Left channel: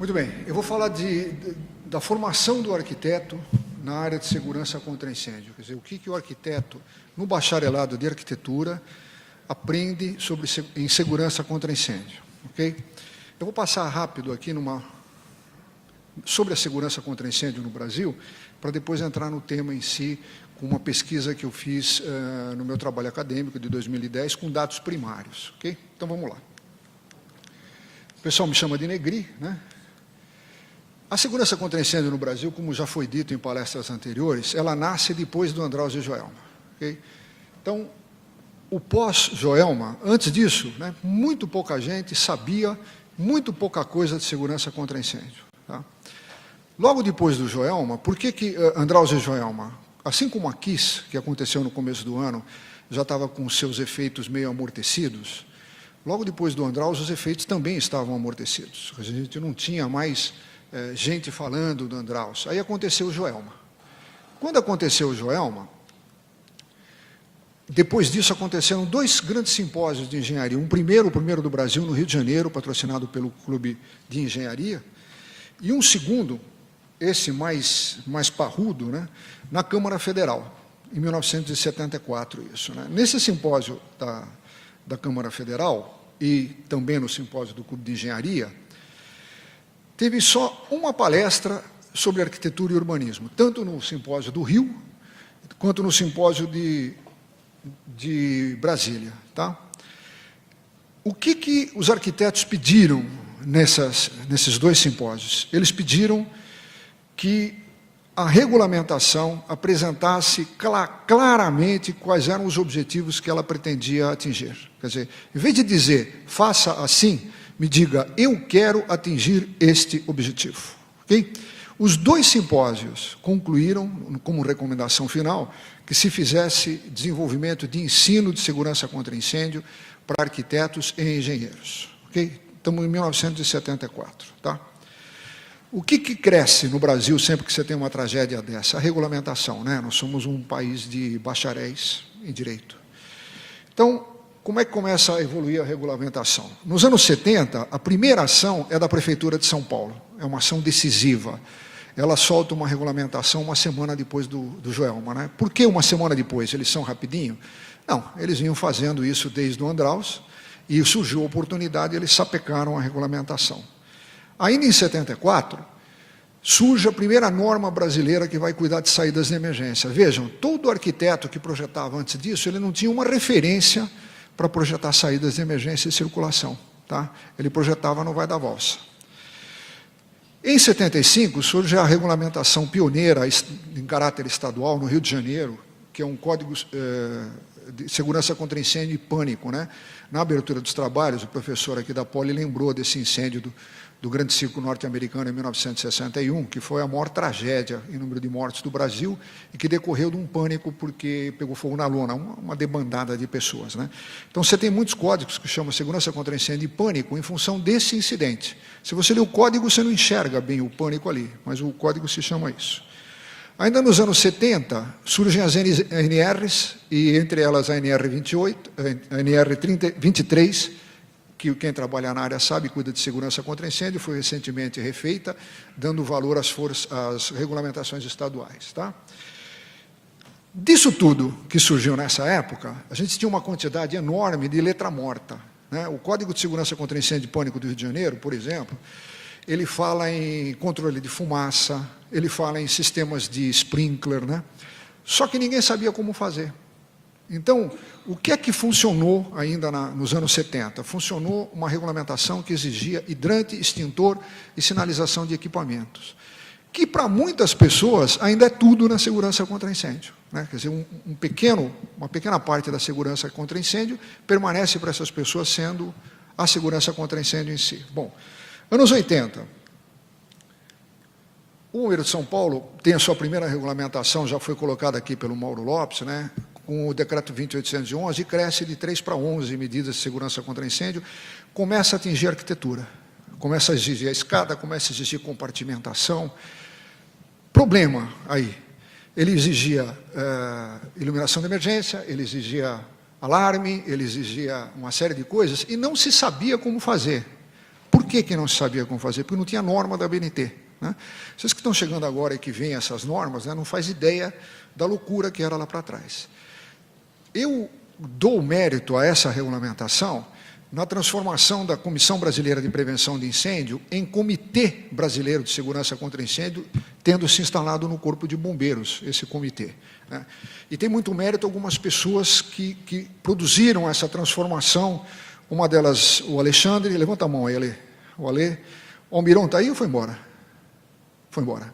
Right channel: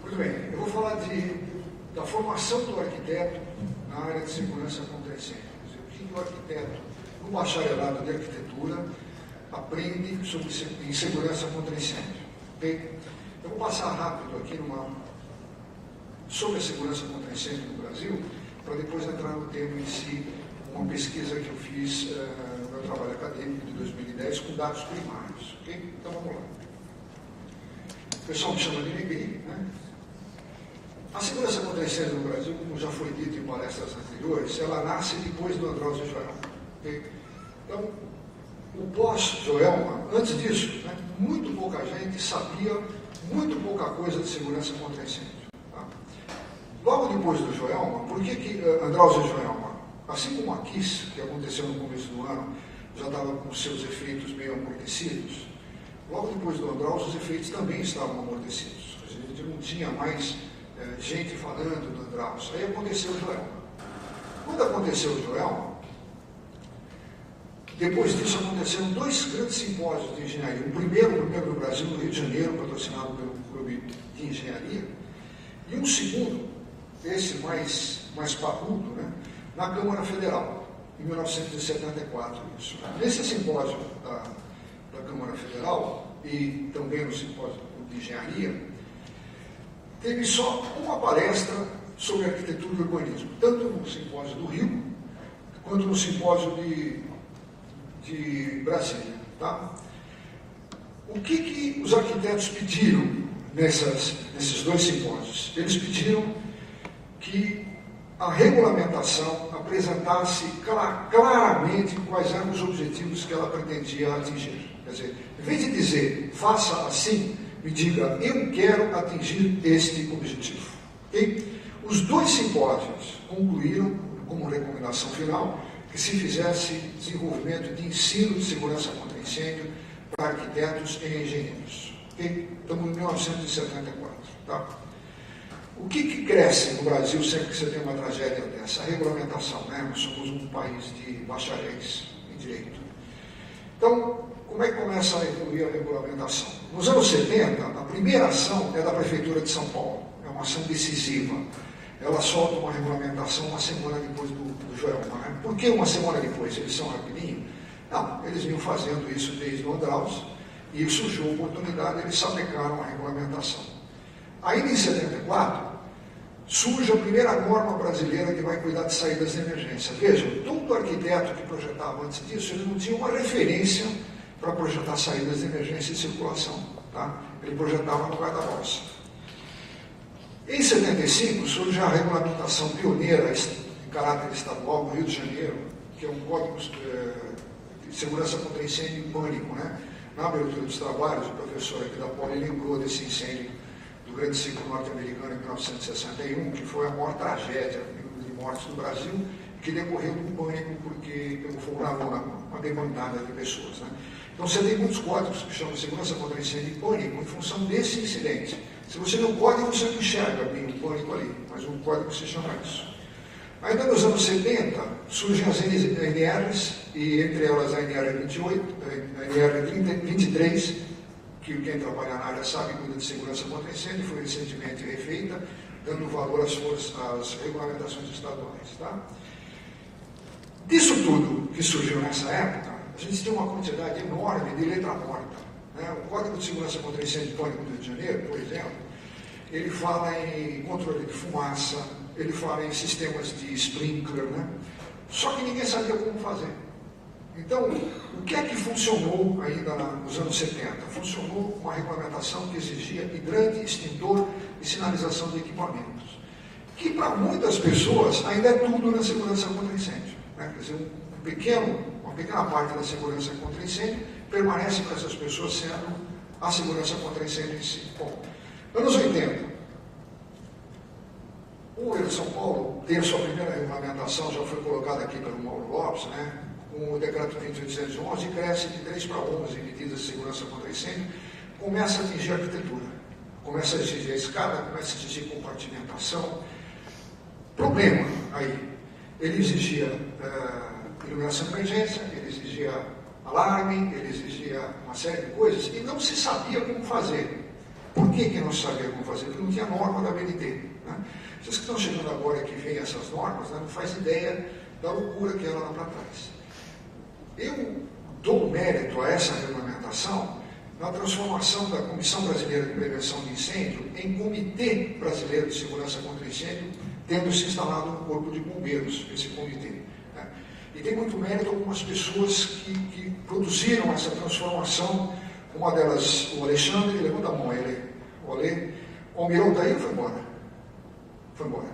Muito bem, eu vou falar da formação do arquiteto na área de segurança contra incêndio. Quer dizer, o que o arquiteto, no bacharelado de arquitetura, aprende em segurança contra incêndio. Okay? Eu vou passar rápido aqui sobre a segurança contra incêndio no Brasil, para depois entrar no tema em si, uma pesquisa que eu fiz no meu trabalho acadêmico de 2010 com dados primários. Okay? Então vamos lá. O pessoal me chama de Negri, né? A segurança contra incêndio no Brasil, como já foi dito em palestras anteriores, ela nasce depois do Andraus e Joelma. Okay? Então, o pós-Joelma, antes disso, né, muito pouca gente sabia muito pouca coisa de segurança contra incêndio. Tá? Logo depois do Joelma, por que Andraus e Joelma, assim como a KISS, que aconteceu no começo do ano, já estava com seus efeitos meio amortecidos, logo depois do Andraus os efeitos também estavam amortecidos. A gente não tinha mais gente falando do Andraus. Aí aconteceu o Joelma. Quando aconteceu o Joelma, depois disso aconteceram dois grandes simpósios de engenharia. O primeiro do Brasil, no Rio de Janeiro, patrocinado pelo Clube de Engenharia, e um segundo, esse mais parrudo, né, na Câmara Federal, em 1974. Isso, né? Nesse simpósio da Câmara Federal e também no simpósio do Clube de Engenharia, teve só uma palestra sobre arquitetura e urbanismo, tanto no simpósio do Rio, quanto no simpósio de Brasília. Tá? O que os arquitetos pediram nesses dois simpósios? Eles pediram que a regulamentação apresentasse claramente quais eram os objetivos que ela pretendia atingir. Quer dizer, em vez de dizer, faça assim, me diga, eu quero atingir este objetivo. Okay? Os dois simpósios concluíram, como recomendação final, que se fizesse desenvolvimento de ensino de segurança contra incêndio para arquitetos e engenheiros. Okay? Estamos em 1974. Tá? O que cresce no Brasil sempre que você tem uma tragédia dessa? A regulamentação. Né? Nós somos um país de bacharéis em direito. Então, como é que começa a evoluir a regulamentação? Nos anos 70, a primeira ação é da Prefeitura de São Paulo. É uma ação decisiva. Ela solta uma regulamentação uma semana depois do Joelma. Né? Por que uma semana depois? Eles são rapidinho? Não, eles vinham fazendo isso desde o Andraus e surgiu a oportunidade e eles sapecaram a regulamentação. Ainda em 74, surge a primeira norma brasileira que vai cuidar de saídas de emergência. Vejam, todo arquiteto que projetava antes disso, ele não tinha uma referência para projetar saídas de emergência e circulação. Tá? Ele projetava no vai-da-valsa. Em 75, surge a regulamentação pioneira em caráter estadual no Rio de Janeiro, que é um código de segurança contra incêndio e pânico. Né? Na abertura dos trabalhos, o professor aqui da Poli lembrou desse incêndio do Grande Circo Norte-Americano em 1961, que foi a maior tragédia em número de mortes do Brasil e que decorreu de um pânico porque pegou fogo na lona, uma debandada de pessoas. Né? Então você tem muitos códigos que chamam segurança contra incêndio e pânico em função desse incidente. Se você lê o código, você não enxerga bem o pânico ali, mas o código se chama isso. Ainda nos anos 70, surgem as NRs, e entre elas a NR28, a NR23, que quem trabalha na área sabe, cuida de segurança contra incêndio, foi recentemente refeita, dando valor às regulamentações estaduais. Tá? Disso tudo que surgiu nessa época, a gente tinha uma quantidade enorme de letra morta. Né? O Código de Segurança contra Incêndio e Pânico do Rio de Janeiro, por exemplo, ele fala em controle de fumaça, ele fala em sistemas de sprinkler, né? Só que ninguém sabia como fazer. Então, o que é que funcionou ainda nos anos 70? Funcionou uma regulamentação que exigia hidrante, extintor e sinalização de equipamentos, que para muitas pessoas ainda é tudo na segurança contra incêndio. Né? Quer dizer, uma pequena parte da segurança contra incêndio permanece para essas pessoas sendo a segurança contra incêndio em si. Bom, anos 80. O Governo de São Paulo tem a sua primeira regulamentação, já foi colocada aqui pelo Mauro Lopes, né? Com o decreto 20.811, cresce de 3 para 11 medidas de segurança contra incêndio, começa a atingir a arquitetura, começa a exigir a escada, começa a exigir compartimentação. Problema aí, ele exigia iluminação de emergência, ele exigia alarme, ele exigia uma série de coisas e não se sabia como fazer. Por que não se sabia como fazer? Porque não tinha norma da ABNT. Né? Vocês que estão chegando agora e que veem essas normas, né, não faz ideia da loucura que era lá para trás. Eu dou mérito a essa regulamentação na transformação da Comissão Brasileira de Prevenção de Incêndio em Comitê Brasileiro de Segurança contra Incêndio, tendo se instalado no Corpo de Bombeiros, esse comitê. Né? E tem muito mérito algumas pessoas que produziram essa transformação, uma delas, o Alexandre, levanta a mão aí, o Ale. O Almiron está aí ou foi embora? Foi embora.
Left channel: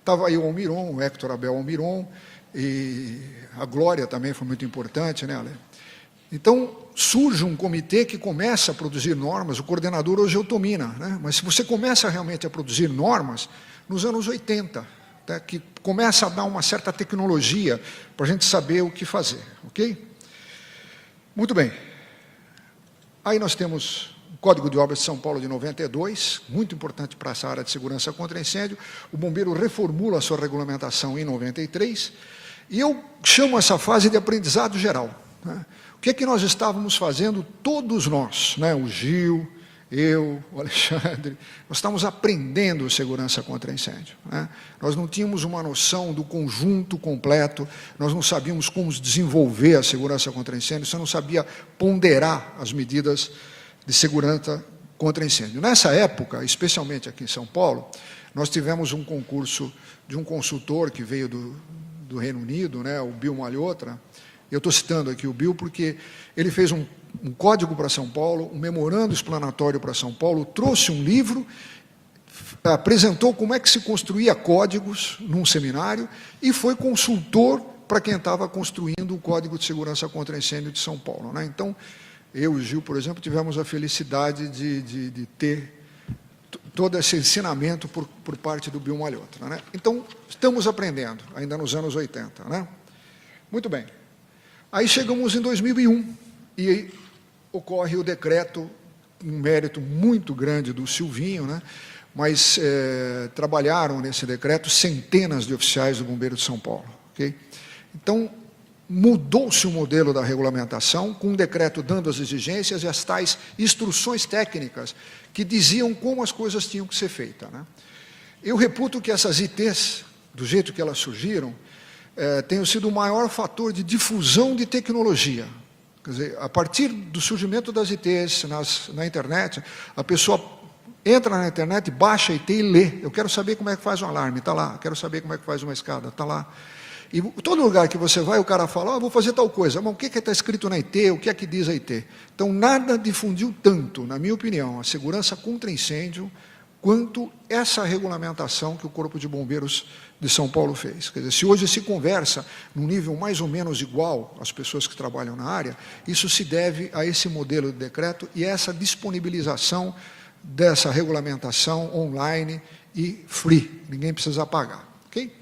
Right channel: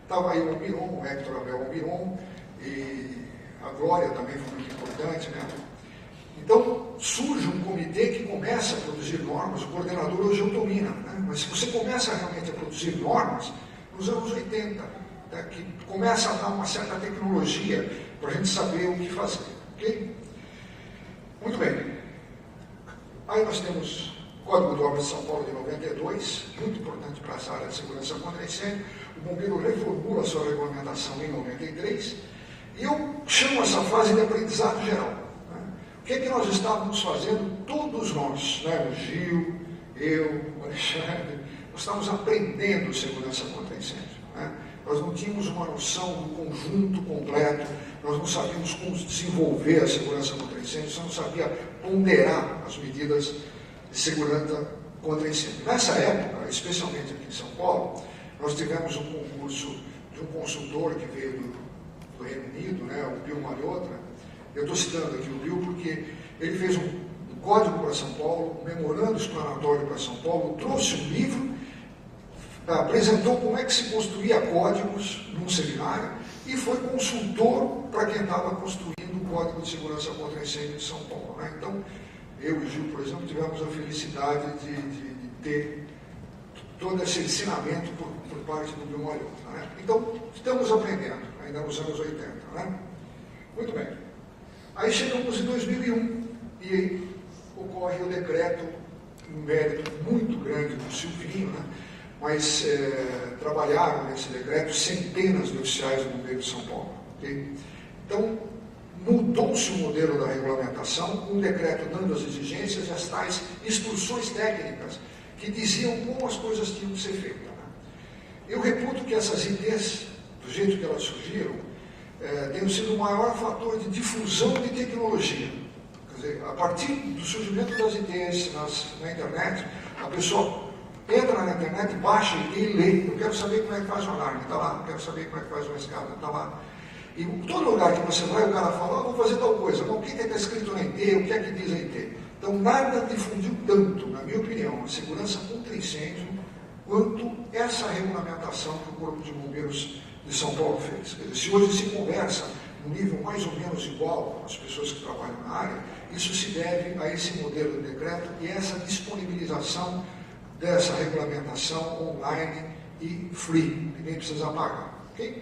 Estava aí o Almiron, o Hector Abel Almiron, e a Glória também foi muito importante, né? Então, surge um comitê que começa a produzir normas, o coordenador hoje é o Tomina, né? Mas se você começa realmente a produzir normas, nos anos 80, tá? Que começa a dar uma certa tecnologia para a gente saber o que fazer, ok? Muito bem. Aí nós temos o Código de Obras de São Paulo de 92, muito importante para essa área de segurança contra incêndio. O bombeiro reformula a sua regulamentação em 93, e eu chamo essa fase de aprendizado geral. Né? O que é que nós estávamos fazendo, todos nós, né? O Gil, eu, o Alexandre, nós estávamos aprendendo segurança contra incêndio. Né? Nós não tínhamos uma noção do conjunto completo, nós não sabíamos como desenvolver a segurança contra incêndio, você não sabia ponderar as medidas de segurança contra incêndio. Nessa época, especialmente aqui em São Paulo, nós tivemos um concurso de um consultor que veio do Reino Unido, né? O Bill Malhotra. Eu estou citando aqui o Bill porque ele fez um código para São Paulo, um memorando explanatório para São Paulo, trouxe um livro, apresentou como é que se construía códigos num seminário e foi consultor para quem estava construindo o Código de Segurança contra Incêndio de São Paulo. Né? Então, eu e o Gil, por exemplo, tivemos a felicidade de ter todo esse ensinamento por parte do Bill Malhotra. Né? Então, estamos aprendendo, ainda nos anos 80. Né? Muito bem. Aí chegamos em 2001 e aí ocorre o decreto, um mérito muito grande do Silvinho, né? Mas trabalharam nesse decreto centenas de oficiais do Bombeiro de São Paulo. Okay? Então, mudou-se o modelo da regulamentação, com um decreto dando as exigências e as tais instruções técnicas que diziam como as coisas tinham que ser feitas. Né? Eu reputo que essas ITs, do jeito que elas surgiram, tenham sido o maior fator de difusão de tecnologia. Quer dizer, a partir do surgimento das ITs na internet, a pessoa entra na internet, baixa a IT e lê. Eu quero saber como é que faz um alarme, está lá. Eu quero saber como é que faz uma escada, está lá. E todo lugar que você vai, o cara fala, vou fazer tal coisa. Mas o que está escrito na IT? O que é que diz a IT? Então, nada difundiu tanto, na minha opinião, a segurança contra incêndio, quanto essa regulamentação que o Corpo de Bombeiros de São Paulo fez. Quer dizer, se hoje se conversa num nível mais ou menos igual às pessoas que trabalham na área, isso se deve a esse modelo de decreto e a essa disponibilização dessa regulamentação online e free. Ninguém precisa pagar. Ok?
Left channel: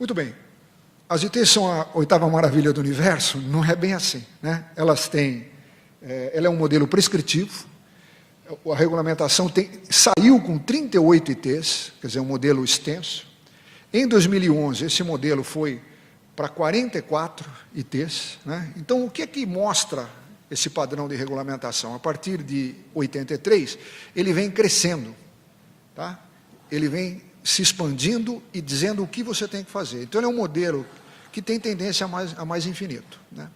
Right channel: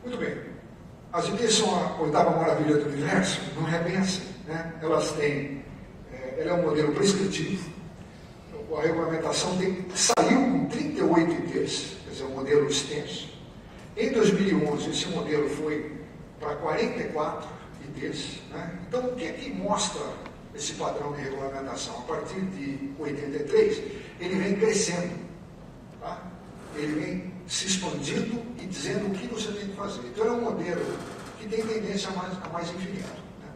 Muito bem. As ITs são a oitava maravilha do universo? Não é bem assim. Né? Elas têm... ela é um modelo prescritivo. A regulamentação saiu com 38 ITs, quer dizer, um modelo extenso. Em 2011, esse modelo foi para 44 ITs. Né? Então, o que é que mostra esse padrão de regulamentação? A partir de 83, ele vem crescendo. Tá? Ele vem se expandindo e dizendo o que você tem que fazer. Então, ele é um modelo que tem tendência a mais infinito. Né?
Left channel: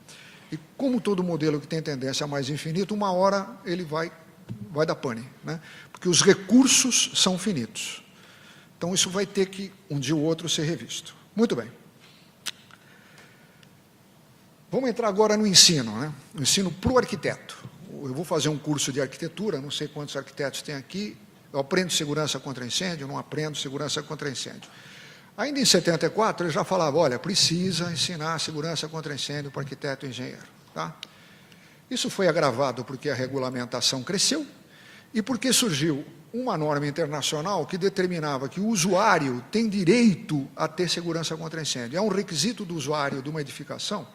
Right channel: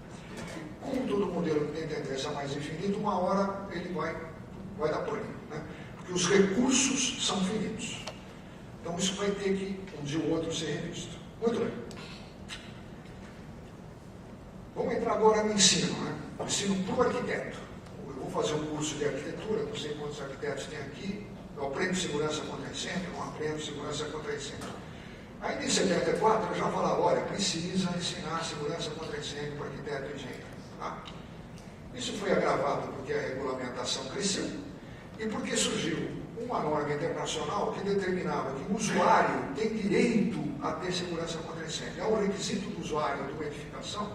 E como todo modelo que tem tendência a mais infinito, uma hora ele vai dar pane, né? Porque os recursos são finitos. Então, isso vai ter que, um dia ou outro, ser revisto. Muito bem. Vamos entrar agora no ensino, né? No ensino para o arquiteto. Eu vou fazer um curso de arquitetura, não sei quantos arquitetos tem aqui. Eu aprendo segurança contra incêndio, não aprendo segurança contra incêndio. Ainda em 74, eu já falava, olha, precisa ensinar segurança contra incêndio para arquiteto e engenheiro. Tá? Isso foi agravado porque a regulamentação cresceu e porque surgiu uma norma internacional que determinava que o usuário tem direito a ter segurança contra incêndio. É um requisito do usuário de uma edificação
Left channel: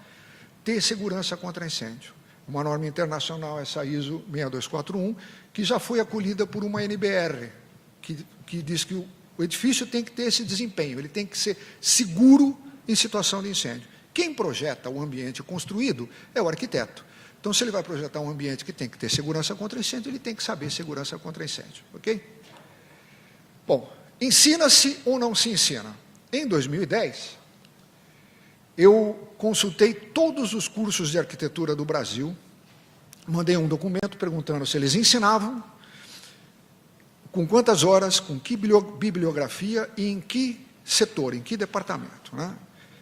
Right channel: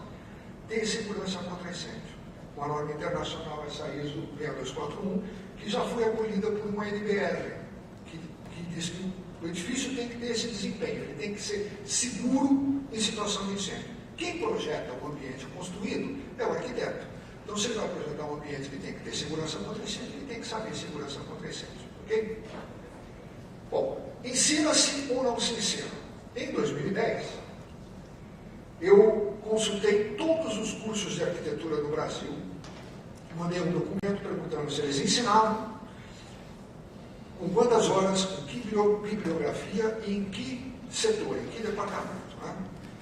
ter segurança contra incêndio. Uma norma internacional, essa ISO 6241, que já foi acolhida por uma NBR, que diz que o edifício tem que ter esse desempenho, ele tem que ser seguro em situação de incêndio. Quem projeta o ambiente construído é o arquiteto. Então, se ele vai projetar um ambiente que tem que ter segurança contra incêndio, ele tem que saber segurança contra incêndio, ok? Bom, ensina-se ou não se ensina? Em 2010, eu consultei todos os cursos de arquitetura do Brasil, mandei um documento perguntando se eles ensinavam, com quantas horas, com que bibliografia e em que setor, em que departamento, né?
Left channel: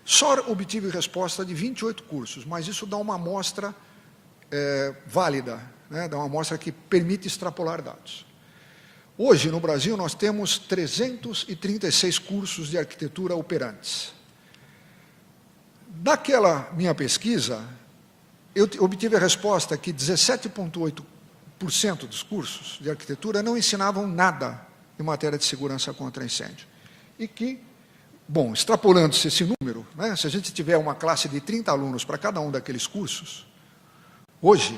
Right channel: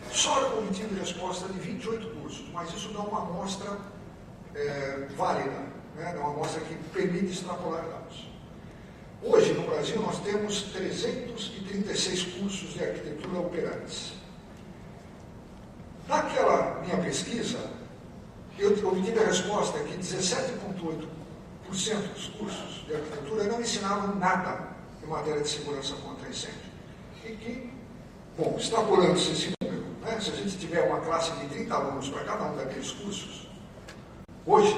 Só obtive resposta de 28 cursos, mas isso dá uma amostra válida, né? Dá uma amostra que permite extrapolar dados. Hoje, no Brasil, nós temos 336 cursos de arquitetura operantes. Daquela minha pesquisa, eu obtive a resposta que 17,8% dos cursos de arquitetura não ensinavam nada em matéria de segurança contra incêndio. E que, bom, extrapolando-se esse número, né, se a gente tiver uma classe de 30 alunos para cada um daqueles cursos, hoje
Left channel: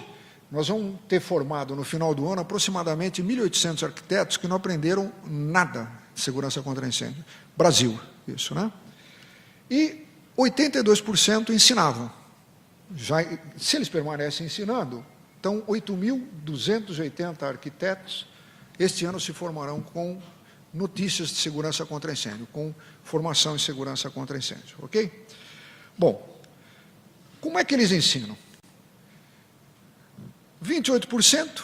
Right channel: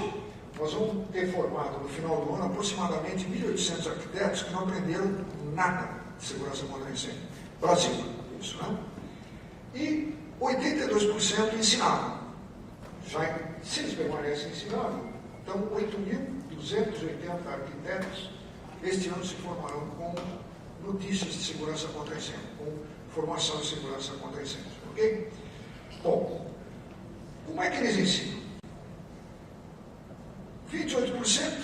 nós vamos ter formado no final do ano aproximadamente 1.800 arquitetos que não aprenderam nada de segurança contra incêndio. Brasil, isso, né? E 82% ensinavam. Já, se eles permanecem ensinando, então 8.280 arquitetos este ano se formarão com notícias de segurança contra incêndio, com formação em segurança contra incêndio, ok? Bom, como é que eles ensinam? 28%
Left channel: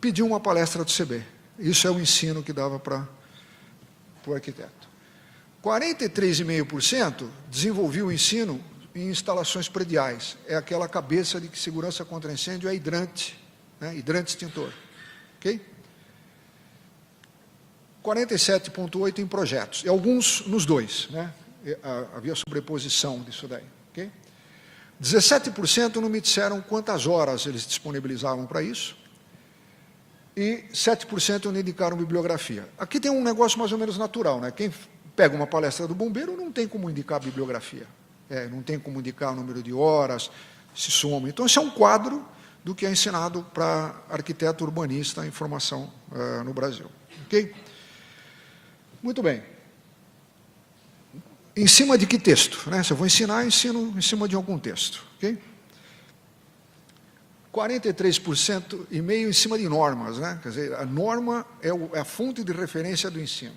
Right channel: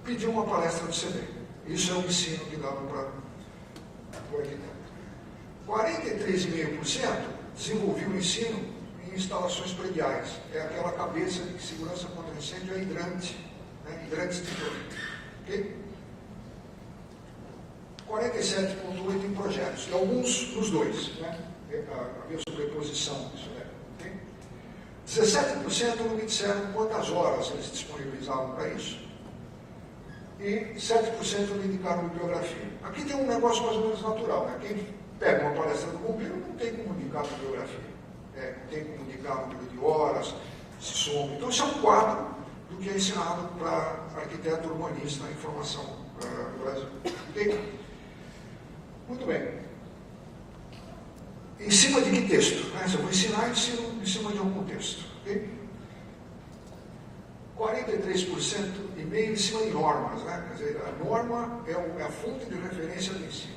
pediu uma palestra do CB. Isso é o ensino que dava para o arquiteto. 43,5% desenvolveu o ensino em instalações prediais. É aquela cabeça de que segurança contra incêndio é hidrante, né? Hidrante extintor. Ok? 47,8% em projetos. E alguns nos dois, né? Havia sobreposição disso daí. Ok? 17% não me disseram quantas horas eles disponibilizavam para isso. E 7% não indicaram bibliografia. Aqui tem um negócio mais ou menos natural, né? Quem pega uma palestra do bombeiro não tem como indicar bibliografia. Não tem como indicar o número de horas, se soma. Então, esse é um quadro do que é ensinado para arquiteto urbanista em formação no Brasil. Ok? Muito bem. Em cima de que texto? Né? Se eu vou ensinar, ensino em cima de algum texto. Ok? 43,5% em cima de normas. Né? Quer dizer, a norma é a fonte de referência do ensino.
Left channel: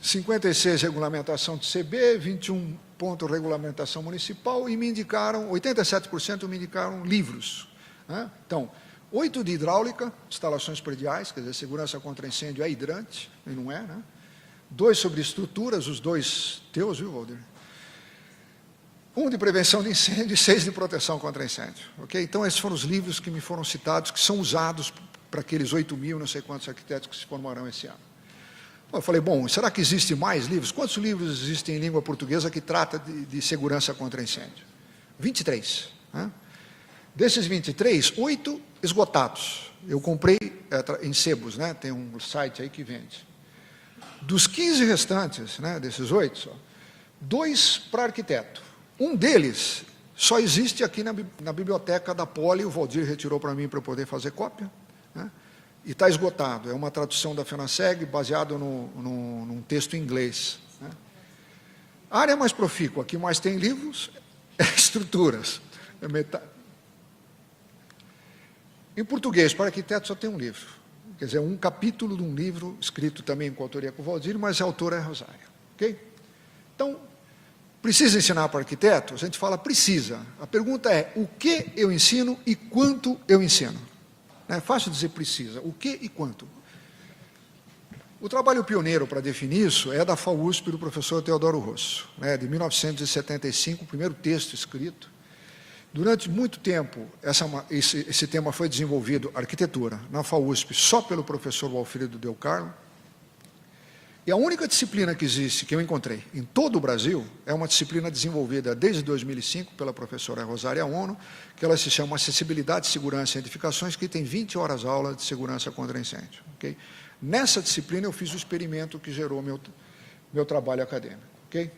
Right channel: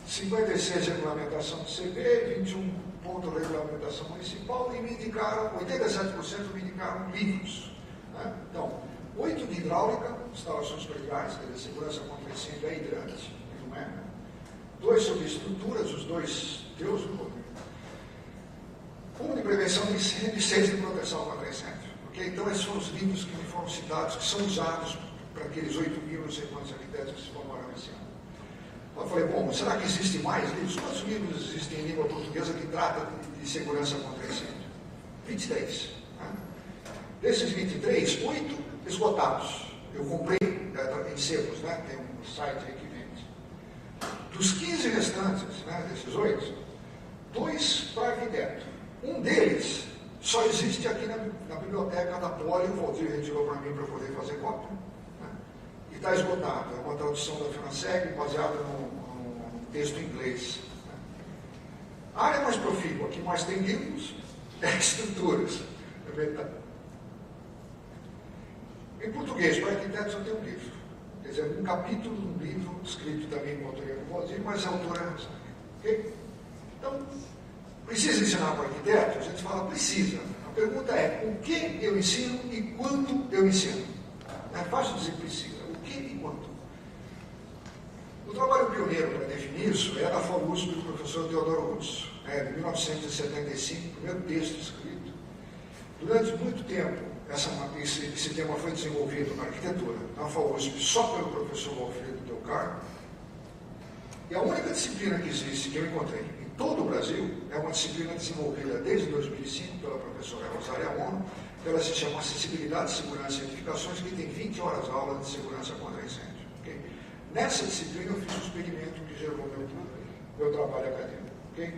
56% regulamentação de CB, 21% regulamentação municipal e me indicaram, 87% me indicaram livros. Né? Então, 8% de hidráulica, instalações prediais, quer dizer, segurança contra incêndio é hidrante, e não é, né? 2 sobre estruturas, os dois teus, viu, Walter? 1 de prevenção de incêndio e 6 de proteção contra incêndio. Okay? Então, esses foram os livros que me foram citados, que são usados para aqueles 8.000, não sei quantos arquitetos que se formarão esse ano. Eu falei, bom, será que existem mais livros? Quantos livros existem em língua portuguesa que trata de segurança contra incêndio? 23. Né? Desses 23, 8 esgotados. Eu comprei em sebos, né? Tem um site aí que vende. Dos 15 restantes, né, desses 8, 2 para arquiteto. Um deles só existe aqui na biblioteca da Poli, o Valdir retirou para mim para poder fazer cópia. Né? E está esgotado, é uma tradução da FENASSEG baseado num texto em inglês. Né? A área mais profícua, que mais tem livros, é estruturas. É metade. Em português, para arquiteto só tem um livro. Quer dizer, um capítulo de um livro escrito também com autoria com o Valdir, mas a autora é a Rosária. Ok? Então, precisa ensinar para arquiteto? A gente fala precisa. A pergunta é, o que eu ensino e quanto eu ensino? É fácil dizer precisa. O que e quanto? O trabalho pioneiro para definir isso é da FAUSP do professor Teodoro Rosso, né, de 1975, o primeiro texto escrito. Durante muito tempo, esse tema foi desenvolvido, arquitetura, na FAUSP, só pelo professor Alfredo Del Carmo. E a única disciplina que existe, que eu encontrei em todo o Brasil, é uma disciplina desenvolvida desde 2005 pela professora Rosária Ono, que ela se chama Acessibilidade, Segurança e Edificações, que tem 20 horas aula de segurança contra incêndio. Okay? Nessa disciplina eu fiz o experimento que gerou meu trabalho acadêmico. Okay?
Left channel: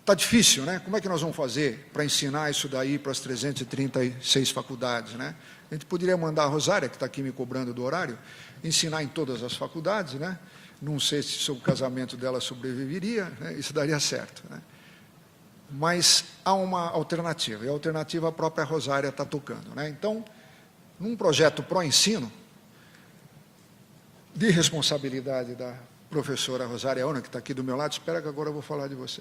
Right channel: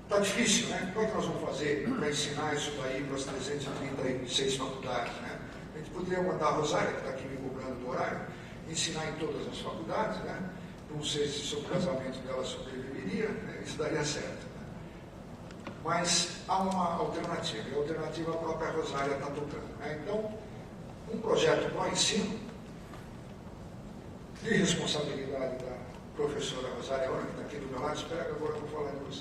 Está difícil, né? Como é que nós vamos fazer para ensinar isso daí para as 336 faculdades, né? A gente poderia mandar a Rosária, que está aqui me cobrando do horário, ensinar em todas as faculdades, né? Não sei se o casamento dela sobreviveria, né? Isso daria certo. Né? mas há uma alternativa, e a alternativa a própria Rosária está tocando, né? Então, num projeto pró-ensino, de responsabilidade da professora Rosária Ona, que está aqui do meu lado, espera que agora eu vou falar de você,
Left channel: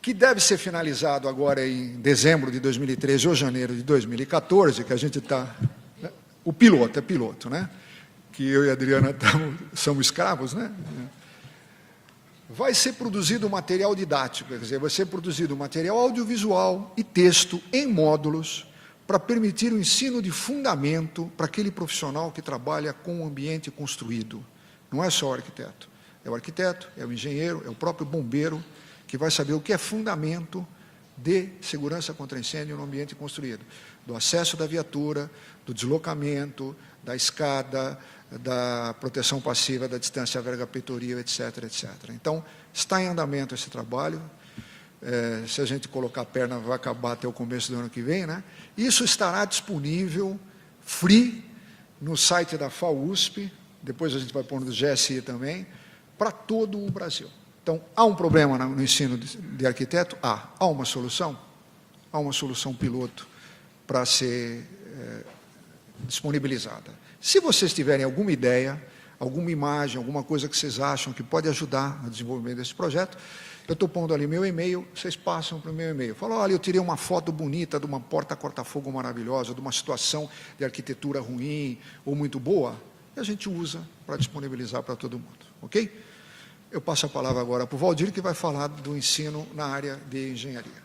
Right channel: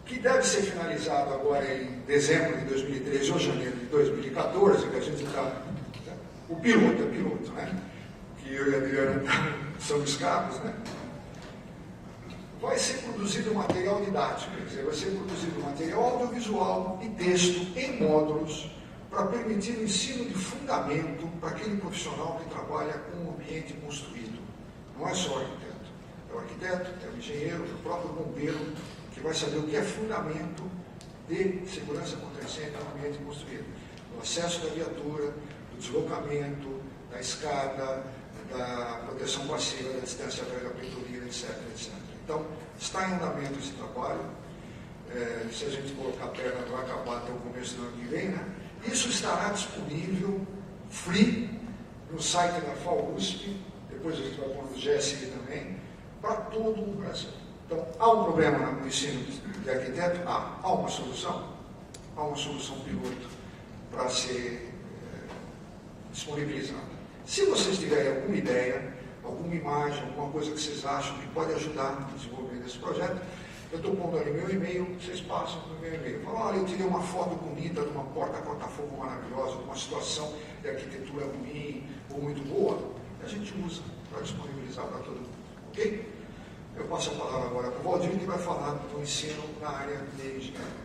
que deve ser finalizado agora em dezembro de 2013 ou janeiro de 2014, que a gente está... Né? O piloto, é piloto, né? Que eu e a Adriana somos escravos, né? Vai ser produzido material didático, quer dizer, vai ser produzido material audiovisual e texto em módulos para permitir o ensino de fundamento para aquele profissional que trabalha com o ambiente construído. Não é só o arquiteto. É o arquiteto, é o engenheiro, é o próprio bombeiro, que vai saber o que é fundamento de segurança contra incêndio no ambiente construído. Do acesso da viatura, do deslocamento, da escada, da proteção passiva, da distância verga peitoril, etc, etc. Então, está em andamento esse trabalho. Se a gente colocar a perna, vai acabar até o começo do ano que vem, né? Isso estará disponível, free, no site da FAUSP, depois a gente vai pôr no GSI também, para todo o Brasil. Então, há um problema no ensino de arquiteto? Há uma solução? Há uma solução piloto para ser disponibilizada. Se vocês tiverem alguma ideia, alguma imagem, alguma coisa que vocês acham que pode ajudar no desenvolvimento desse projeto, eu estou pondo ali meu e-mail, vocês passam para o meu e-mail. Falam, olha, eu tirei uma foto bonita de uma porta corta-fogo maravilhosa, de uma situação de arquitetura ruim ou muito boa, e a gente usa para disponibilizar para todo mundo, ok? Eu passo a palavra agora para o Valdir, que vai falar do ensino na área de engenharia.